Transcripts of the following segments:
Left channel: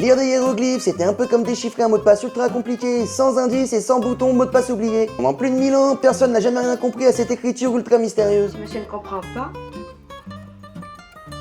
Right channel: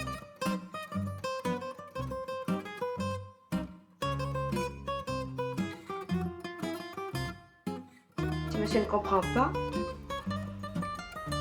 Lire des hiéroglyphes, c'était un peu comme déchiffrer un mot de passe ultra compliqué, sans indice et sans bouton, mot de passe oublié. Pendant plus de 1000 ans, personne n'a jamais rien compris à cette écriture ultra mystérieuse. Si monsieur ne comprend pas,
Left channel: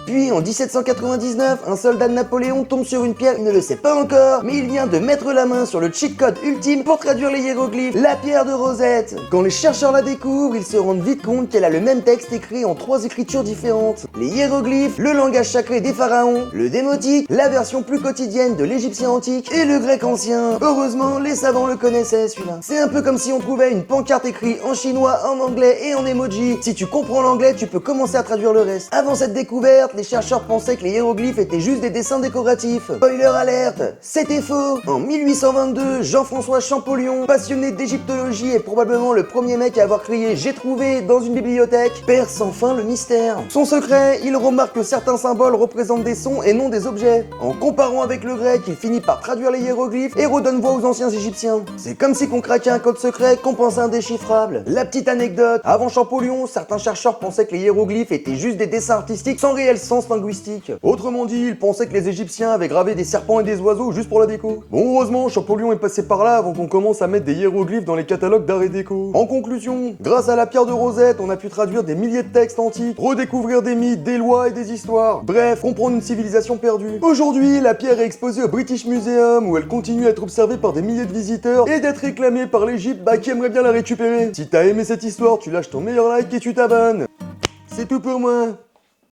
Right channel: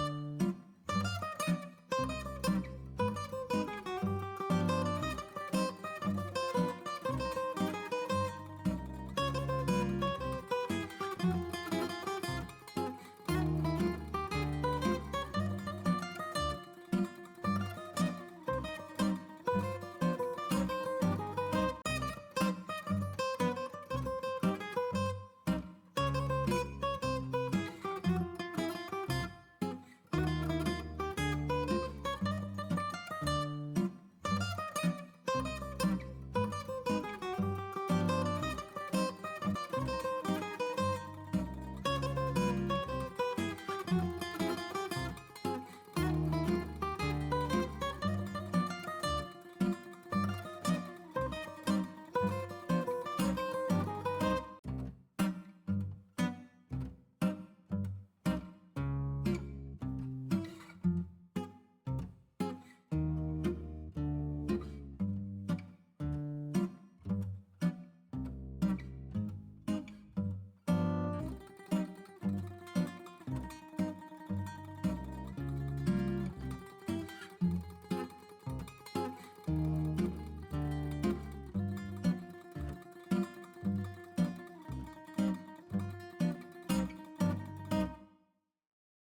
Puis en 1799, un soldat de Napoléon tombe sur une pierre, il ne le sait pas encore, mais il vient de mettre la main sur le cheat code ultime pour traduire les hiéroglyphes, la pierre de Rosette. Quand les chercheurs la découvrent, ils se rendent vite compte qu'elle a le même texte écrit en 3 écritures différentes. Les hiéroglyphes, le langage sacré des pharaons, le démotique, la version plus quotidienne de l'égyptien antique et le grec ancien. Heureusement, les savants le connaissaient celui-là. C'est un peu comme si on trouvait une pancarte écrite en chinois, en anglais et en emoji. Si tu comprends l'anglais, tu peux commencer à traduire le reste. Avant cette découverte, les chercheurs pensaient que les hiéroglyphes étaient juste des dessins décoratifs. Spoiler alerte, c'était faux. En 1822, Jean-François Champollion, passionné d'égyptologie et probablement le premier mec à avoir crié « J'ai trouvé » dans une bibliothèque, perce enfin le mystère. Son secret, il remarque que certains symboles représentent des sons et non des objets. En comparant avec le grec, il finit par traduire les hiéroglyphes et redonne voix aux anciens égyptiens. C'est comme si qu'on craquait un code secret qu'on pensait indéchiffrable. La petite anecdote, avant Champollion, certains chercheurs pensaient que les hiéroglyphes étaient juste des dessins artistiques sans réel sens linguistique. Autrement dit, ils pensaient que les Égyptiens avaient gravé des serpents et des oiseaux juste pour la déco. Bon, heureusement, Champollion est passé par là avant qu'on commence à mettre des hiéroglyphes dans les catalogues d'art et déco. En conclusion, grâce à la pierre de Rosette, on a pu traduire des milliers de textes antiques, redécouvrir des mythes, des lois et des histoires. Bref, comprendre une civilisation perdue. Aujourd'hui, la pierre est exposée au British Museum où elle continue à être observée par des milliers de visiteurs et d'être réclamée par l'Égypte qui aimerait bien la récupérer. Si t'as aimé cette histoire, tu lâches ton meilleur like et tu t'abonnes. C'est tout pour moi.